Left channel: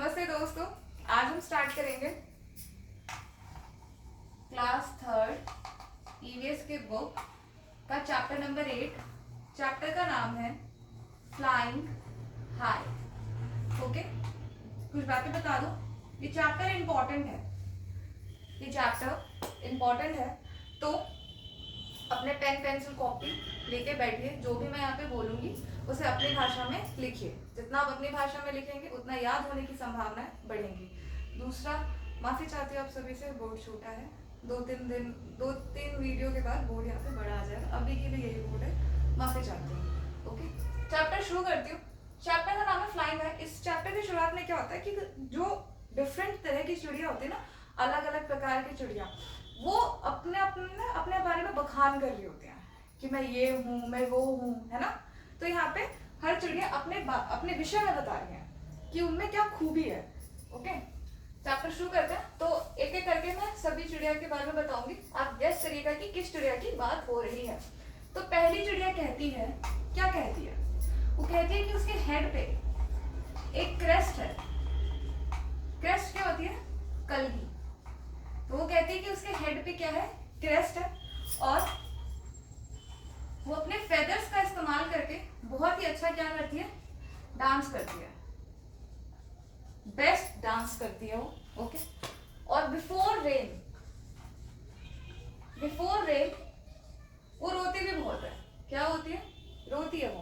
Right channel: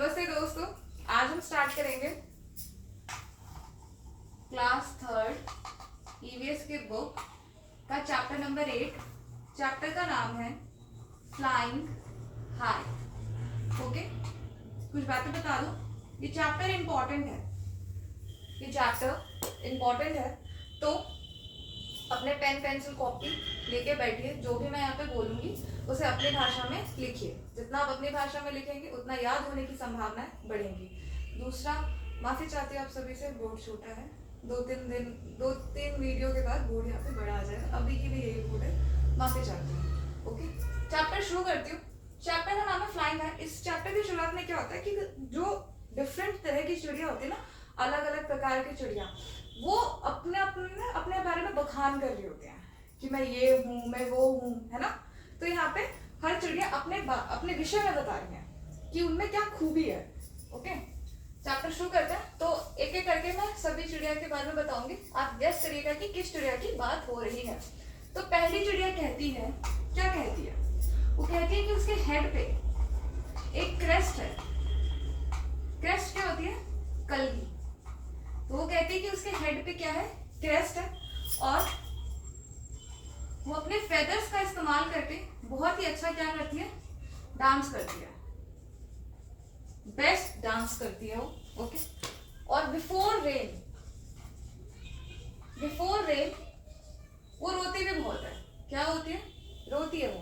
नमस्ते दोस्तों, आज हम स्टार्ट करेंगे क्लास 3 ईवीएस के बुक का चैप्टर नंबर 8। चैप्टर का नाम है फ्लाइंग हाई। ओके, कुछ बातें बता दो। ये चैप्टर इम्पोर्टेंट है, तो अपने पेन पेंसिल कॉपी लेके बैठिए। जो भी मैं यहाँ पे बोलूंगी उसे अपनी भाषा में लिखिए। जितना आप अपनी भाषा में लिखेंगे उतना याद होने की संभावनाएं बढ़ेंगी। दूसरा, माफी चाहती हूँ आप सभी से, बोर्ड छोटा है। दो तीन वीडियो के बाद बोर्ड यहाँ पे बड़ा आ जाएगा। अभी के लिए यही बोर्ड है, माफी चाहती हूँ। ओके, चैप्टर शुरू करती हूँ। चैप्टर का नाम है फ्लाइंग हाई। इस चैप्टर की शुरुआत में क्या होता है कि जो डिफरेंट तरह की चिड़िया होती है ना, अलग अलग प्रकार की चिड़िया, वो अपने बारे में बखान कर रही होती हैं कि मैं ये हूँ, मैं वो हूँ, है ना। तो यहाँ पे हर चिड़िया अपने विषय में बता रही है कि उनमें क्या खूबी है। ओके, चैप्टर शुरू करते हैं। तो एक एक करके मैं सभी चिड़िया के बारे में बताऊंगी, आप गेस करिएगा कि किस चिड़िया की बात हो रही है। तो पहली चिड़िया कहती है, क्या कहती है? वो कहती है कि उसके हेड पे एक क्रेस्ट है। क्रेस्ट क्या होती है? कलगी। तो वो कहती है कि उसके हेड पे क्या है? क्रेस्ट है, और वो अपने फेदर्स का इस्तेमाल करके बहुत ही अच्छा क्या करती है? डांस करती है। बेस्ट डांस करती है वो। ओके, और बिफोर रेन वो रोती भी बहुत है। क्या होती है? रोती है वो।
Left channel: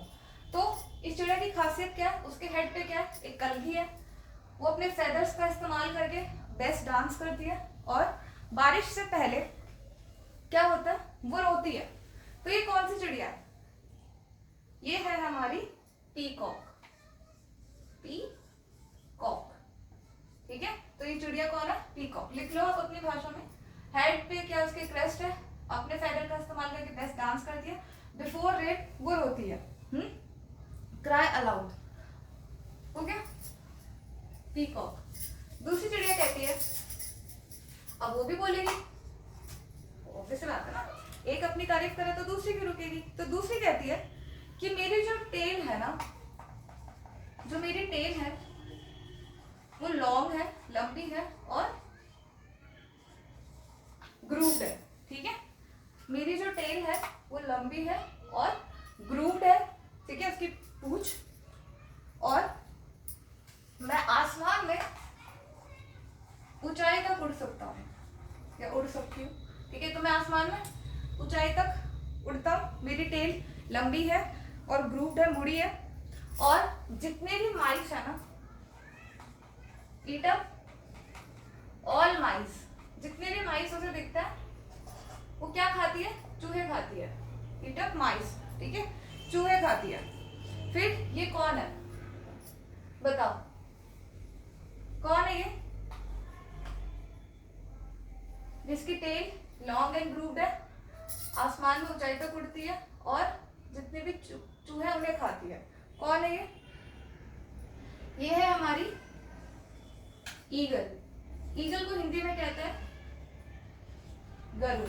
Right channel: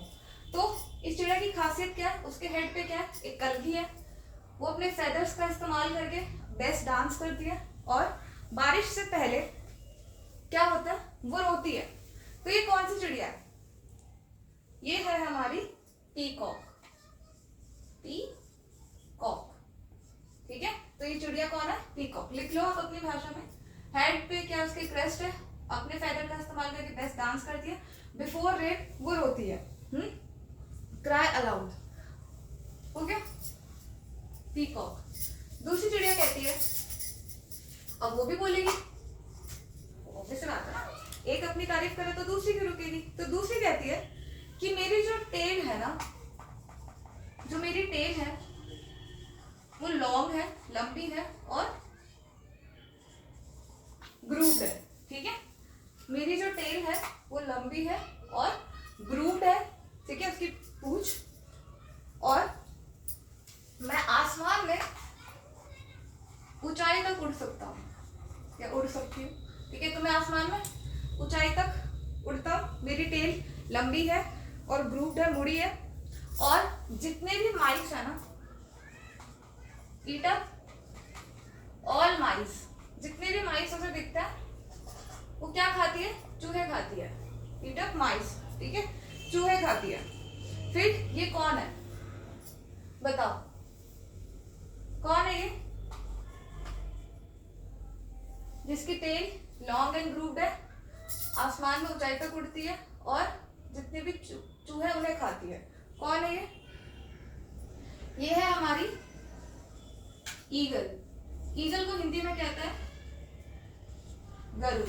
तो इस चिड़िया की खासियत क्या है? उसके हेड पे क्या है? एक कलगी है। वो अपने फेदर्स का इस्तेमाल करके बेस्ट डांस करती है, और बारिश से पहले क्या होता है? वो रोती है। तो ये कौन सी चिड़िया है? ये है हमारी पीकॉक। पीकॉक, ठीक है। तो ये चिड़िया कौन है? पीकॉक। लिख लो आप अपनी भाषा में। हेड पे क्या उसके क्रेस्ट है, अपने फेदर का इस्तेमाल करके बेस्ट डांस करती है, बिफोर रेन वो रोती है, क्राई अलाउड। Okay, peacock. दूसरी चिड़िया कहती है, अब वो भी बोलेगी, ऑब्वियस बात है ना, एक अपनी तारीफ करे तो दूसरी भी रुकेगी। तो दूसरी कहती है कि मेरी जो टेल है ना, जो मेरी टेल है वो लॉन्ग है, लंबी है और ग्रूव्ड है। ठीक है, मेरी जो टेल है वो लंबी है और ग्रूव्ड है। ठीक है, उसकी पूंछ, और मैं आसमान में ऊंचाई तक उड़ सकता हूँ, या उड़ सकती हूँ। ठीक है, तो मैं आसमान में ऊंचाई तक उड़ता हूँ। मेरी टेल लंबी है और ग्रूव्ड है, मुड़ी है, और जितने भी माइस है ना, ईट अप ऑल माइस, जितने भी माइस उसे दिखता है वो क्या खाती है? चूहे खाती है। ईट अप माइस, ठीक है, चूहे खाती है। फिर ये कौन है बताओ, कौन है ये? जिसकी टेल लॉन्ग एंड ग्रूव्ड है, आसमान में ऊंचाई तक उड़ती है, और जितने भी चूहे उन्हें खाती है। कौन है ये? ये है हमारी ईगल। ईगल को हिंदी में कहते हैं गरुड़।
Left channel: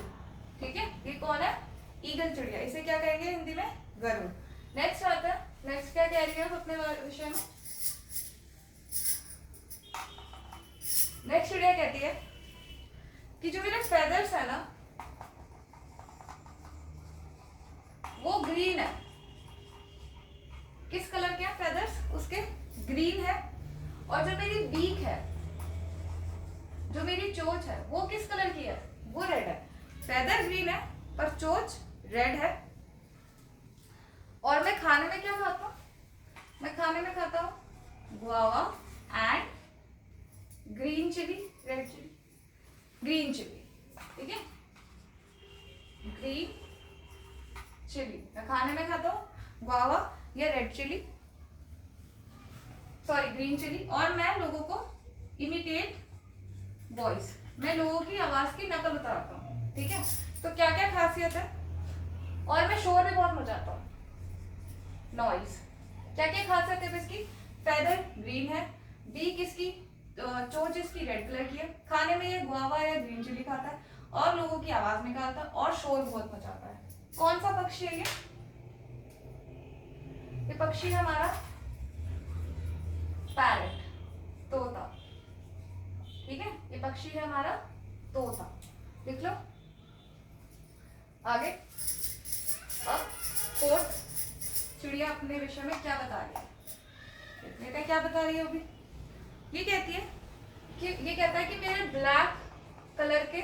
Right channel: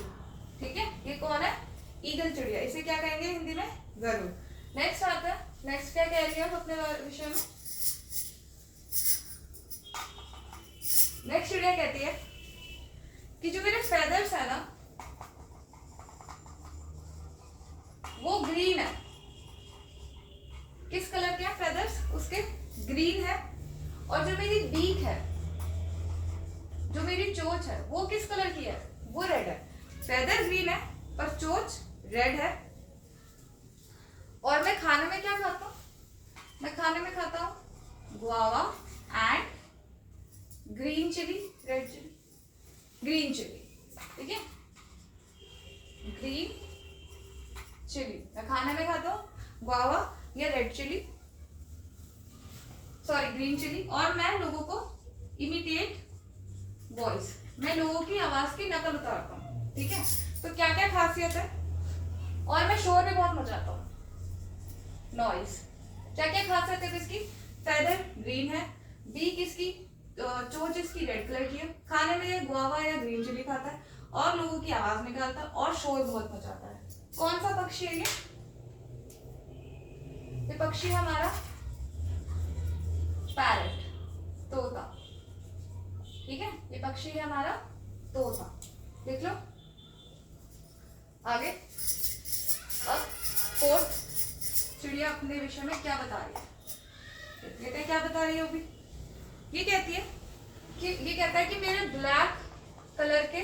ठीक है, ये कौन है? ईगल चिड़िया। इसे क्या कहेंगे हिंदी में? गरुड़। नेक्स्ट आता है, नेक्स्ट क्या कह रही है अपने विषय में? नेक्स्ट चिड़िया कहती है कि जो मेरे फेदर्स है ना वो ग्रीन है। किस कलर के हैं फेदर्स? उसके ग्रीन है। और जो मेरी बीक है, जो मेरी चोंच है, वो किस कलर की है? वो रेड है। फेदर ग्रीन है पर चोंच रेड है। और मैं खाने में क्या खाता हूँ? मैं खाने में खाता हूँ guava and green chilli, red chilli, green chilli. ठीक है, ग्रीन चिली मैं खाने में खाता हूँ, गुआवा या red chilli, sorry green chilli. और मैं लोगों को इमिटेट वॉइस, मैं लोगों की आवाज की नकल उतारता हूँ। ठीक है, तो क्या क्या खासियत है? और मैं शोर भी बहुत मचाता हूँ, नॉइज। क्या क्या खासियत है इसकी? फेदर ग्रीन है, बीक इसकी, चोंच इसकी रेड कलर की है, खाने में ये गुआवा या ग्रीन चिली खाता है, और लोगों की आवाज निकालता है, और शोर बहुत मचाता है। कौन सा पक्षी है ये? ये पक्षी है हमारा पैरट, तोता। ये पक्षी है हमारा तोता, लिख लो। आगे अब फोर्थ चिड़िया अपने विषय में क्या बता रही है, देखते हैं क्या बता रही है। अभी ये कहती है कि ये कहता है कि मेरे ब्लैक कलर के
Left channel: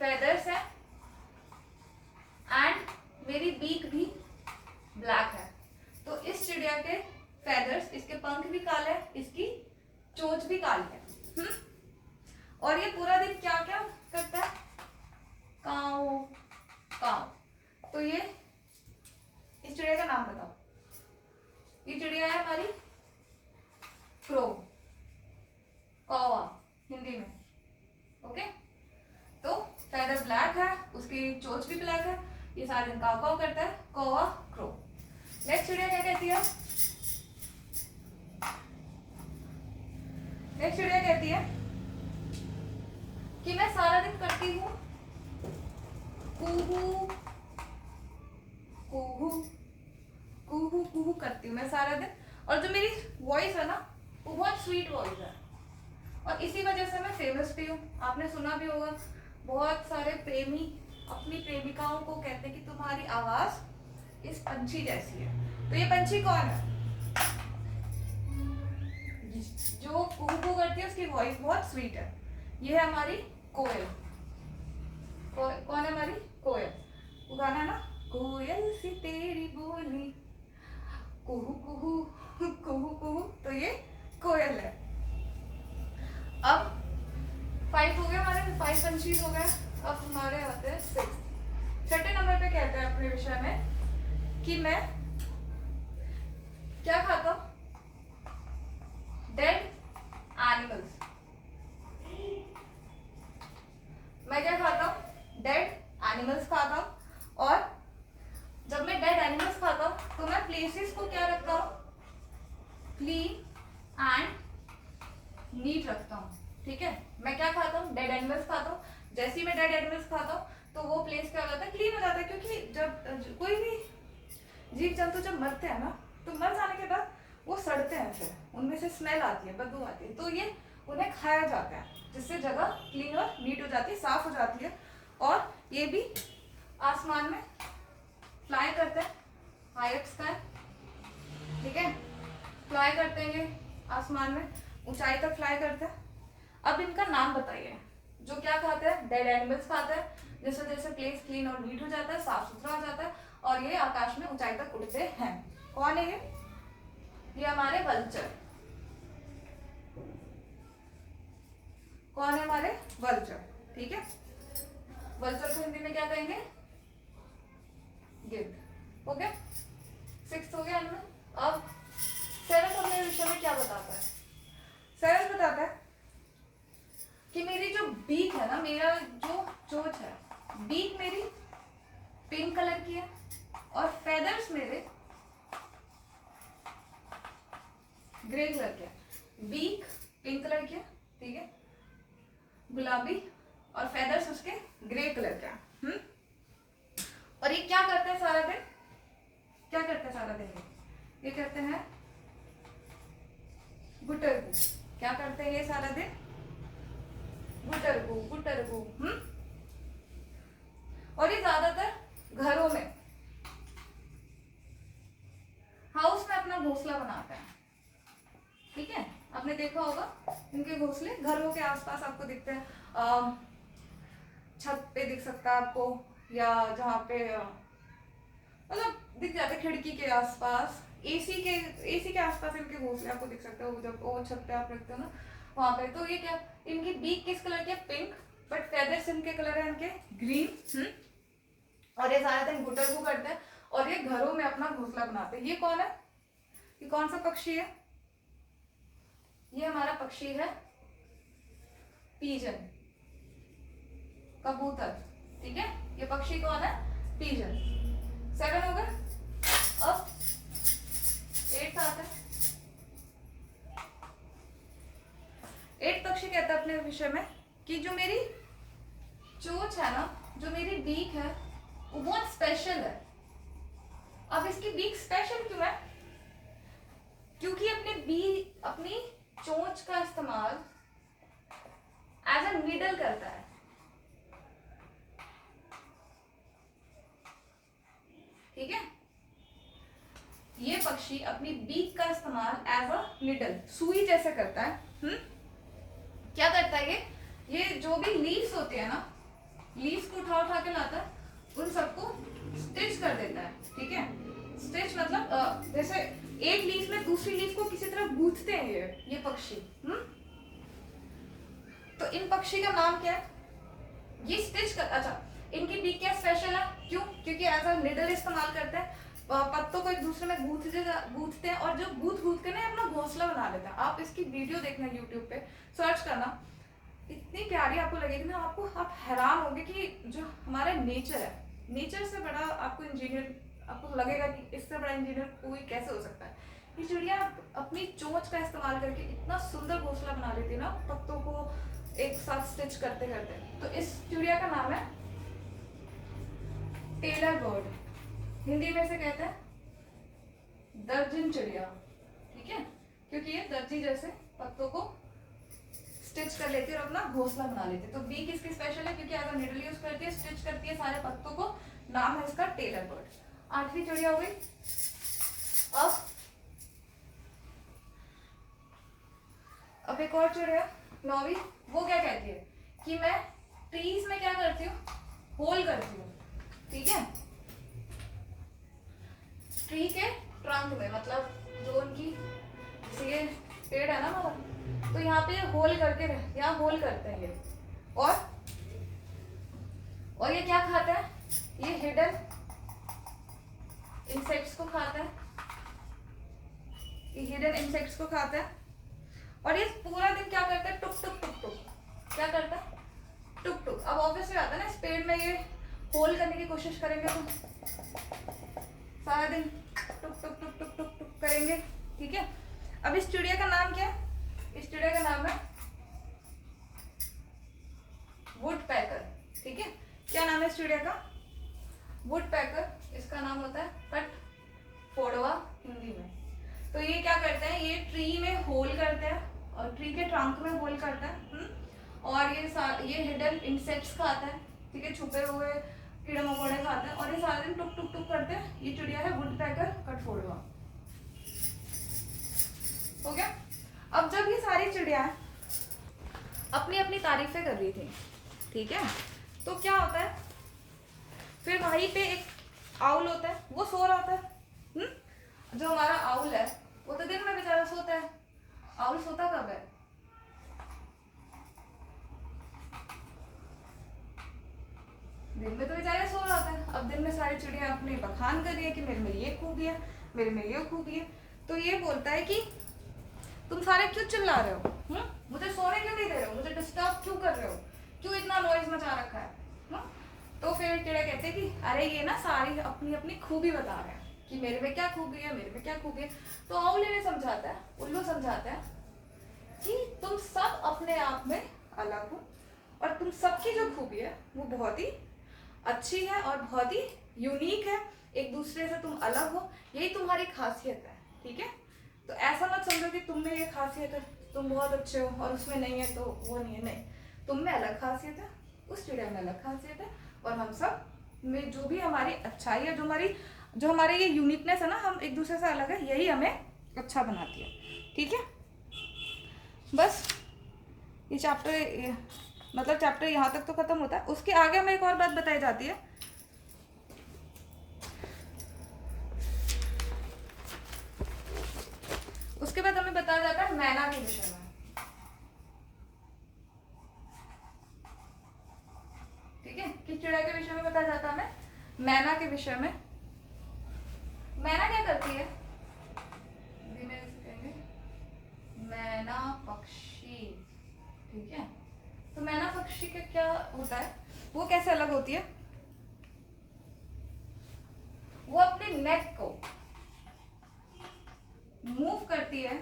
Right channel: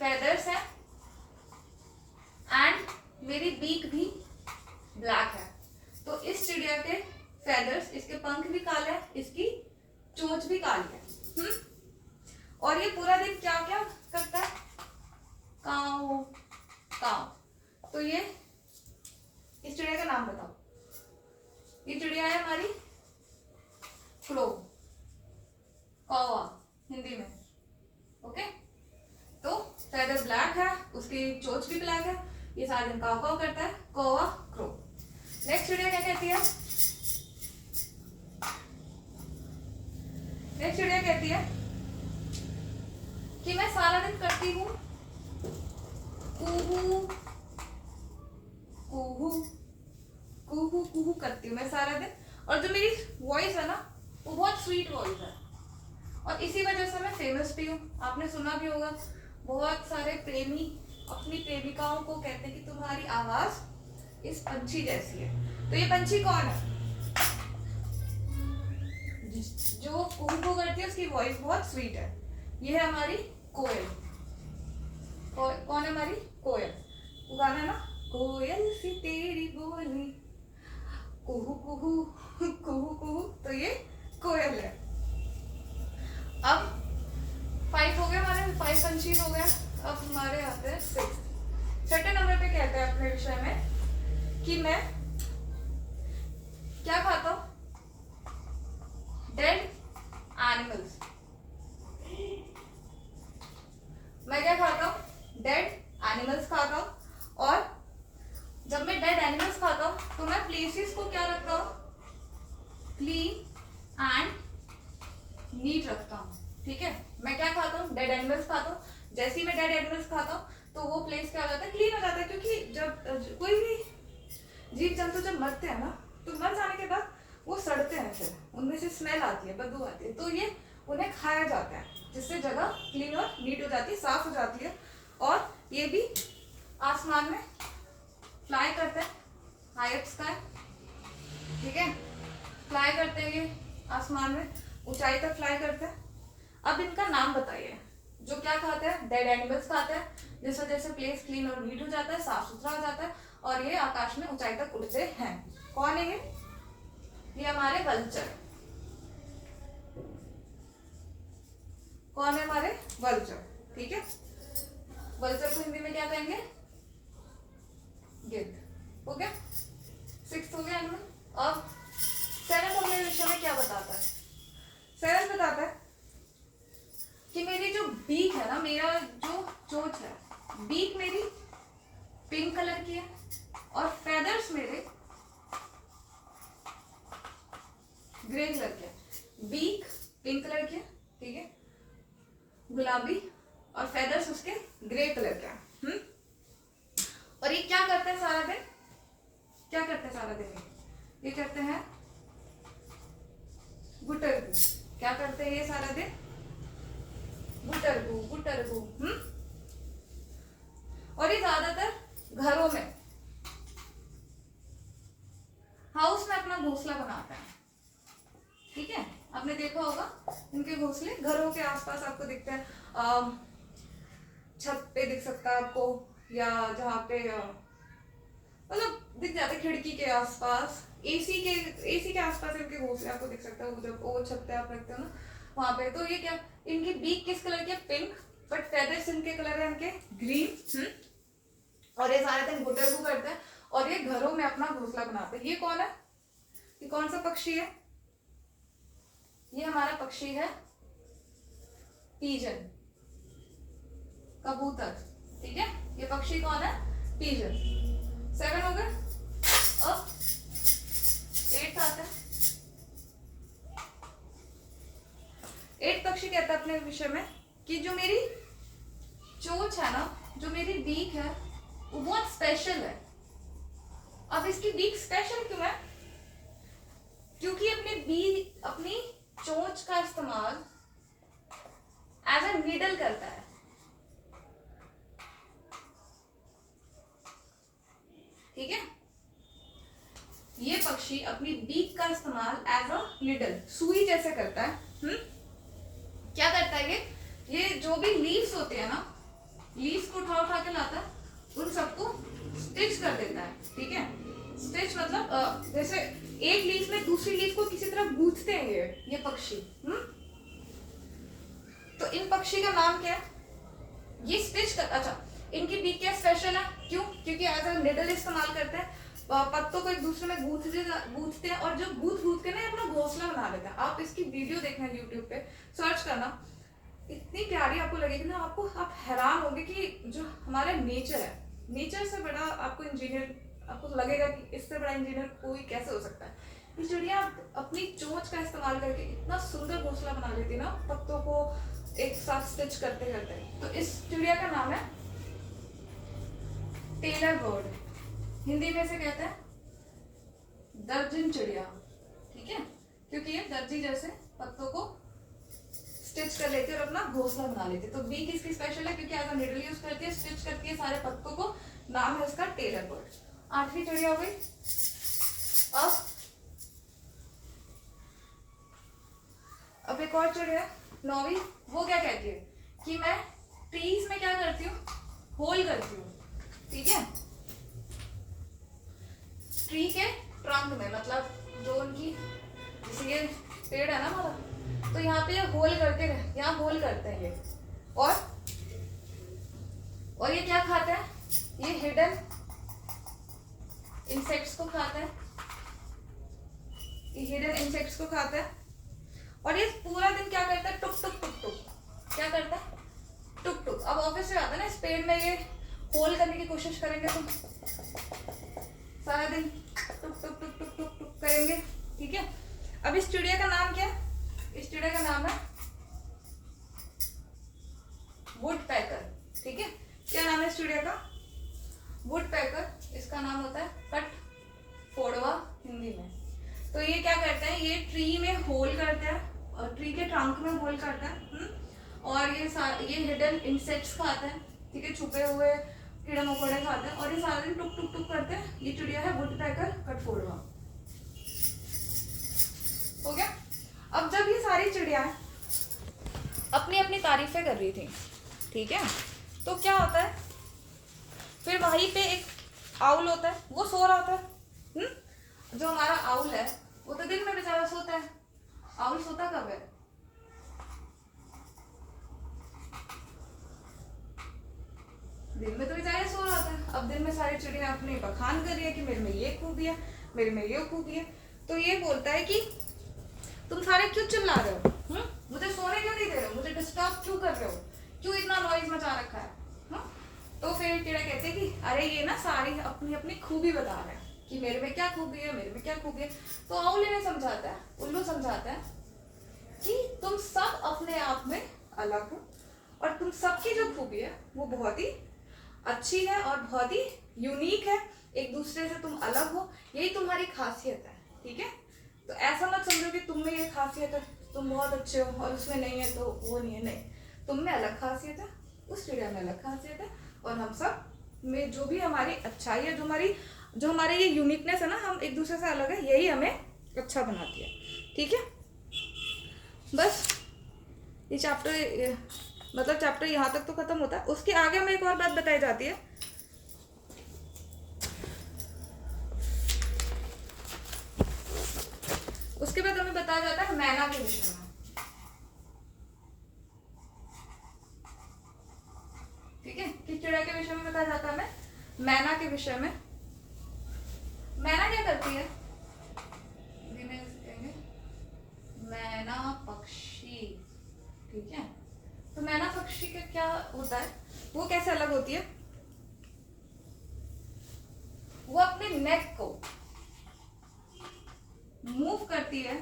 फेदर्स हैं एंड मेरी बीक भी ब्लैक है। तो इस चिड़िया के फेदर्स, इसके पंख भी काले हैं, इसकी चोंच भी काली है। और ये पूरा दिन क्या क्या करता है, काऊ काऊ। तो ये इस चिड़िया का नाम बताओ। ये चिड़िया है हमारी क्रो, कौवा हिंदी में। ओके, तो फेदर ब्लैक है, उसकी चोंच भी ब्लैक है, ये सारा दिन काऊ काऊ करता है, कौवा क्रो। नेक्स्ट चिड़िया क्या कहती है, नेक्स्ट चिड़िया कहती है कि मैं सारा दिन करती हूँ कुहू कुहू कुहू कुहू करती हूँ मैं सारा दिन, और जो मेरी वॉइस है ना वो बहुत स्वीट वॉइस है, और इसी वजह से मैं फेमस भी हूँ। आपने सुना भी होगा, बहुत सारे प्रेमी अपनी प्रेमिकाओं को कहते हैं कि तुम्हारी आवाज इस पंछी जैसी है। तो ये पंछी कौन है, जो कुहू करती है, उसकी वॉइस बहुत स्वीट है। ये है हमारी कोयल। कौन है हमारी कोयल, वो गाना है ना, कोयल सी तेरी बोली कुहू कुहू कुहू कुहू, तो ये कोयल है। अब 5 हो गए हमारे, 5 पंछी हो गए। अब हमारे आते हैं 6। छठे नंबर पे कहते हैं अपने विषय में कि मैं क्या खाता हूं, डेड एनिमल्स। मैं क्या खाता हूँ, डेड एनिमल्स खाता हूँ। और जब मैं डेड एनिमल्स खाता हूँ तो मैं प्लेसेस को क्या रखता हूँ, क्लीन एंड नीट रखता हूँ। ठीक है, मैं क्या खाता हूँ, डेड एनिमल्स खाता हूँ। जैसे ही मैं डेड एनिमल्स खाता हूँ तो वो प्लेस क्या हो जाता है, क्लीन हो जाता है। क्योंकि जब कोई भी जीव जंतु जब मरते हैं ना, तो मर जाने के बाद वो सड़ते हैं, फिर उनमें से स्मेल आती है, बदबू आती है, तो ये उन्हें खाया जाता है, जिससे जगह क्लीन और नीट हो जाती है, साफ हो जाती है। और ये भी आसमान में फ्लाई करते हैं, हाई स्काई। ठीक है, फ्लाई करते हैं ये आसमान में, ऊंचाई तक फ्लाई करते हैं। अब इनका नाम बताइए, जो क्या खाते हैं, डेड एनिमल्स खाते हैं। जैसे जैसे प्लेस क्लीन और नीट हो जाता है, साफ सुथरा हो जाता है, और ये आकाश में ऊंचाई तक उड़ते हैं। कौन है ये हमारे वल्चर। कौन है हमारे वल्चर। ठीक है, वल्चर को हिंदी में क्या कहेंगे, गिद्ध। हो गया, 6 हो गया इनमें। अब 7 अपने विषय में क्या बताता है, 7 बताता है कि मेरी जो बीक है ना, मेरा जो चोंच है, बीक मेरी पिंक कलर की है, और फेदर्स मेरे ग्रे कलर के है। बीक पिंक कलर की है, ठीक है, गुलाबी, और फेदर्स उसके ग्रे कलर के हैं। और ये क्या करते हैं सारा दिन, क्या करते हैं सारा दिन, ये करते हैं गुटरगू। क्या करते हैं ये सारा दिन, गुटरगू गुटरगू। और ये ज्यादातर घरों में, हाउस में अपना घोंसला बनाते हैं। ठीक है, आपने देखा होगा इनके घोंसले घरों के आसपास आपको दिखते हैं, छत पे दिख सकता है आपको, या जहाँ पे मतलब दिख जाते, खिड़की के आसपास, एसी के आसपास इनके घोंसले आपको दिख सकता है। वो जब वो छत पे आप रखते हो ना वहां पे, तो ये क्या, इनकी बीक किस कलर की है, पिंक, बट फेदर्स इनके कलर है इनके ग्रीन। और ये सारे दिन गुटरगू करते हैं, और ये घरों में अपना घोंसला बनाते हैं। ये कौन है, ये कौन सा पक्षी है, ये हमारा पक्षी है पीजन, कबूतर। ठीक है, ये पक्षी कौन है, पीजन। 7 हो गए। अब 8 आता है। 8 पक्षी कहता है अपने विषय में कि जो मेरी चोंच है ना, जो मेरी बीक है, वो बहुत स्पेशल है। अब इसकी बीक स्पेशल क्यों है, क्योंकि अपनी चोंच का इस्तेमाल एज ए नीडल करता है, ठीक है। ये पक्षी अपनी बीक का इस्तेमाल एज अ नीडल, सुई जैसे करता है। क्या करता है ये जो भी लीव्स होते हैं ना, लीव्स को उठा उठा के लाता है, उन सबको स्टिच कर देता है, ठीक है। स्टिच मतलब जैसे एक लीफ में दूसरी लीफ को किसी तरह गूंथते हैं ये पक्षी। तो इन पक्षी का नाम क्या है, ये स्टिच कर, अच्छा इनकी बीक क्या स्पेशल है, क्यों, क्योंकि एज अ निडल इस्तेमाल करते हैं, पत्तों को एक दूसरे में गूंथते हैं, और जो गूंथ के ना अपना घोंसला बना लेते हैं। आप इसकी वीडियो देखना यूट्यूब पे सर्च करना, इतनी प्यारी आपको लगेगी ना, आप हैरान होंगे कि जो हमारा नेचर है, नेचर से बड़ा आपको इंजीनियर, आपको लगेगा कि इससे बड़ा इंजीनियर कोई कैसे हो सकता है। ये चिड़िया अपनी चोंच का इस्तेमाल करके इतना सुंदर घोंसला बना लेती है ना, पत्तों को एक साथ स्टिच करते करते। तो इस चिड़िया का नाम है टेलर बर्ड, हिंदी में से कहते हैं दर्जन चिड़िया, ठीक है, क्योंकि ये दर्जी जैसे पत्तों को स्टिच कर लेती है और अपना घोंसला बना लेती है। तो बीक इसकी स्पेशल है क्योंकि एज अ निडल यूज करती है, स्टिच करती है सारे पत्तों को, नाम है इसका टेलर बर्ड। 8वीं चिड़िया हो गई। अब एक और चिड़िया 9वीं, वो क्या कहती है कि मैं ट्रीज में क्या करती हूँ, होल करती हूँ, ठीक है। ट्री के ट्रंक में, मतलब जो उनकी, जैसे ये पेड़ है ना हमारा, तो यहाँ पे ये होल करके, यहाँ होल करते हैं ये, और ये क्या खाता है, ये हिडन इंसेक्ट्स को खाता है, ये हिडन इंसेक्ट्स को खाता है। और ये पूरा दिन क्या करता है, टुक टुक टुक टुक, क्या करता है, टुक टुक। अब ऑब्वियस बात है ना, इस पेड़ में ये होल करने की कोशिश करेंगे तो सारा दिन टुक टुक टुक टुक टुक टुक करेंगे, ठीक है। अब इस चिड़िया का नाम क्या है, इस चिड़िया का नाम है वुडपेकर, ठीक है। क्या नाम है इस चिड़िया का, वुडपेकर, इसका नाम होता है कठफोड़वा हिंदी में। तो ये क्या करते हैं, ये ट्री में होल करते हैं, और ट्री के ट्रंक में होल करता है, और ये हिडन इंसेक्ट्स खाता है, ठीक है, छुपे हुए कीड़े मकोड़े खाते हैं, और ये सारा दिन टुक टुक टुक करते हैं। ये चिड़िया है वुडपेकर कठफोड़वा, हो गया। अब जब ये सारी चिड़ियाएं अपनी अपनी तारीफें कर रही थी, ठीक है, तो क्या होता है, फिर वहीं पे एक आउल होता है, वो सो रहा होता है। जो हमारा आउल है वो तो दिन में बेचारा सोता है, आउल सोता कब है, दिन में तो बेचारा सो रहा था। अब दिन में सारी चिड़िया अपने बखान कर रही है कि मेरे में ये खूबी है, मेरे में ये खूबी है। तो ये बोलता है कि तुम सारे क्यों चिल्ला रहे हो, मुझे सोने क्यों नहीं दे रहे हो, मुझे डिस्टर्ब क्यों कर रहे हो, क्यों इतना नॉइज मचा रखा है। तो फिर चिड़िया कहते हैं कि अरे ये ना सारी अपनी अपनी खूबी बता रहे हैं कि मेरे में क्या खूबी है, मेरे में क्या खूबी है। तो आउल इन्हें समझाता है, उल्लू समझाता है कि तुम सब अपने आप में अलग हो, और तुम सबकी जो खूबी है वो बहुत ही अच्छी है और बहुत ही यूनिक है, एक दूसरे से तुम अलग हो, यही तुम्हारी खासियत है, ठीक है। तो ऐसा मत समझो कि तुम में ये खासियत है, तुम बहुत अच्छे हो, और उसमें नहीं है तो वो नहीं है, नहीं, तुम में अलग खासियत है, उस चिड़िया में अलग खासियत है, और हम सब में जो भी हमारी अच्छाई है, जो हमारी ये यूनिकनेस है ना, हम एक दूसरे से अलग है, यही हमें अच्छा बनाती है, ठीक है। बस ये चैप्टर, मतलब चैप्टर यहाँ तक तो खत्म होता है। उसके आगे हमें एक और बात बताई जाती है, उसके बाद हमें बताया जाता है मैना के विषय में, ठीक है। किस चिड़िया के विषय में बताया जाता है हमें, मैना के विषय में। मैना क्या करती है, मैना पक्षी, ठीक है। तो मैना पक्षी का क्या होता है, वो कैसे अलग होती है, वो अपने नेक को मूव करती है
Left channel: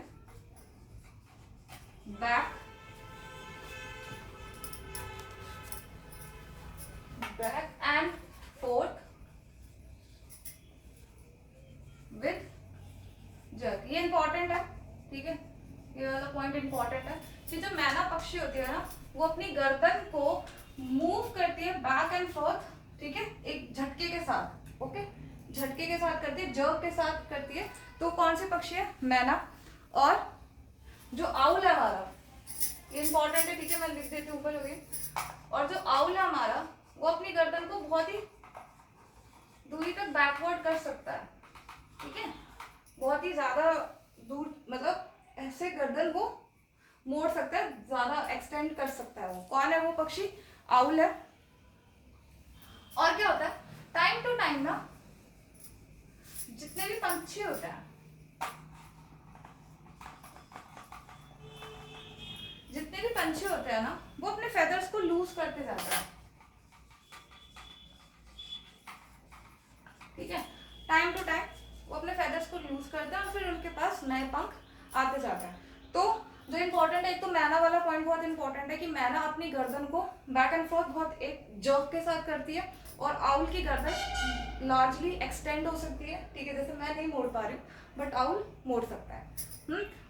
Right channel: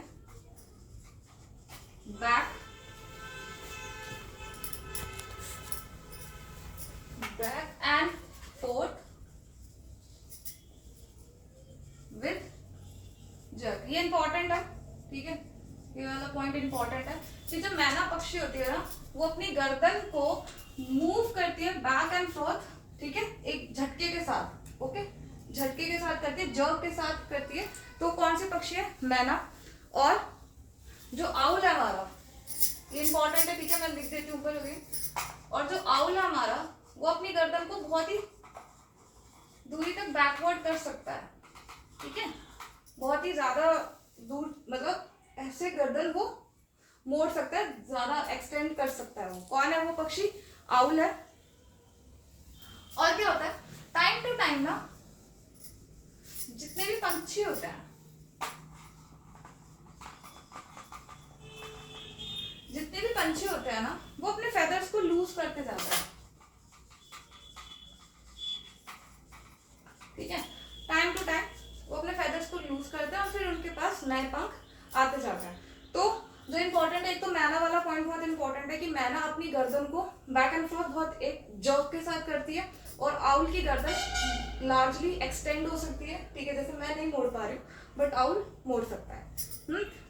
back and fourth with jerk, ये इंपॉर्टेंट है, ठीक है। ये वाला पॉइंट इंपॉर्टेंट है कि जो मैना पक्षी होती है ना, वो अपनी गर्दन को मूव करती है बैक एंड फोर्थ, ठीक है, एक झटके के साथ, ओके, झटके के साथ करती है, जर्क के साथ करती है। तो कौन सी पक्षी है? मैना। और जो आउल है हमारा, ये इंपॉर्टेंट है, ठीक है, मैं लिख देती हूँ ऊपर हो गई। और जो आउल है हमारा, वो अपनी गर्दन को बहुत ही दूरी तक बैकवर्ड कर सकता है, ठीक है, बहुत ही ज्यादा दूर, मतलब ऐसे गर्दन वो मोड़ सकता है, ज्यादा एक्सटेंड कर सकता है। वो कौन है? वो पक्षी आउल है। और क्या होता है, टाइम टू टाइम ना जितने भी पंछी होते हैं, जितने भी पंछी होते हैं ना, वो अपने फेदर्स को लूज करते जाते हैं, ठीक है, टाइम टू टाइम वो अपने फेदर्स को लूज करते हैं और फिर उनके पास नए पंख आते जाते हैं। तो जो इंपॉर्टेंट है, एक तो मैना वाला पॉइंट बहुत इंपॉर्टेंट है कि मैना अपनी गर्दन को बैक एंड फोर्थ बहुत एक जर्क के साथ करती है, और आउल की गर्दन लार्जली एक्सटेंड हो सकती है, ठीक है, जैसे मैं नहीं मोड़ पा रही हूँ बट आउल मोड़ सकता है।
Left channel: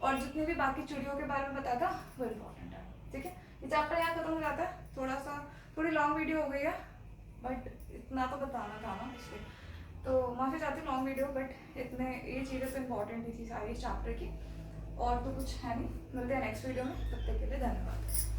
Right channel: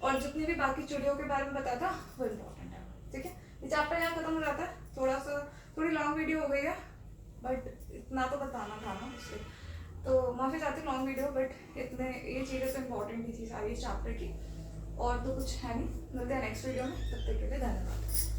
और जितनी भी बाकी चिड़ियों के बारे में बताया था वो इम्पोर्टेंट है, ठीक है। ये चैप्टर यहाँ खत्म हो जाता है, थोड़ी लॉन्ग वीडियो हो गई है बट इतना तो बताना था ना इसलिए, तो माफ़ी चाहती हूँ लॉन्ग वीडियो, बट इतने ये चीज़ें तो इम्पोर्टेंट भी थी सारी इस चैप्टर की, और तो कुछ है नहीं। मिलते हैं नेक्स्ट वीडियो में, तब तक के लिए धन्यवाद।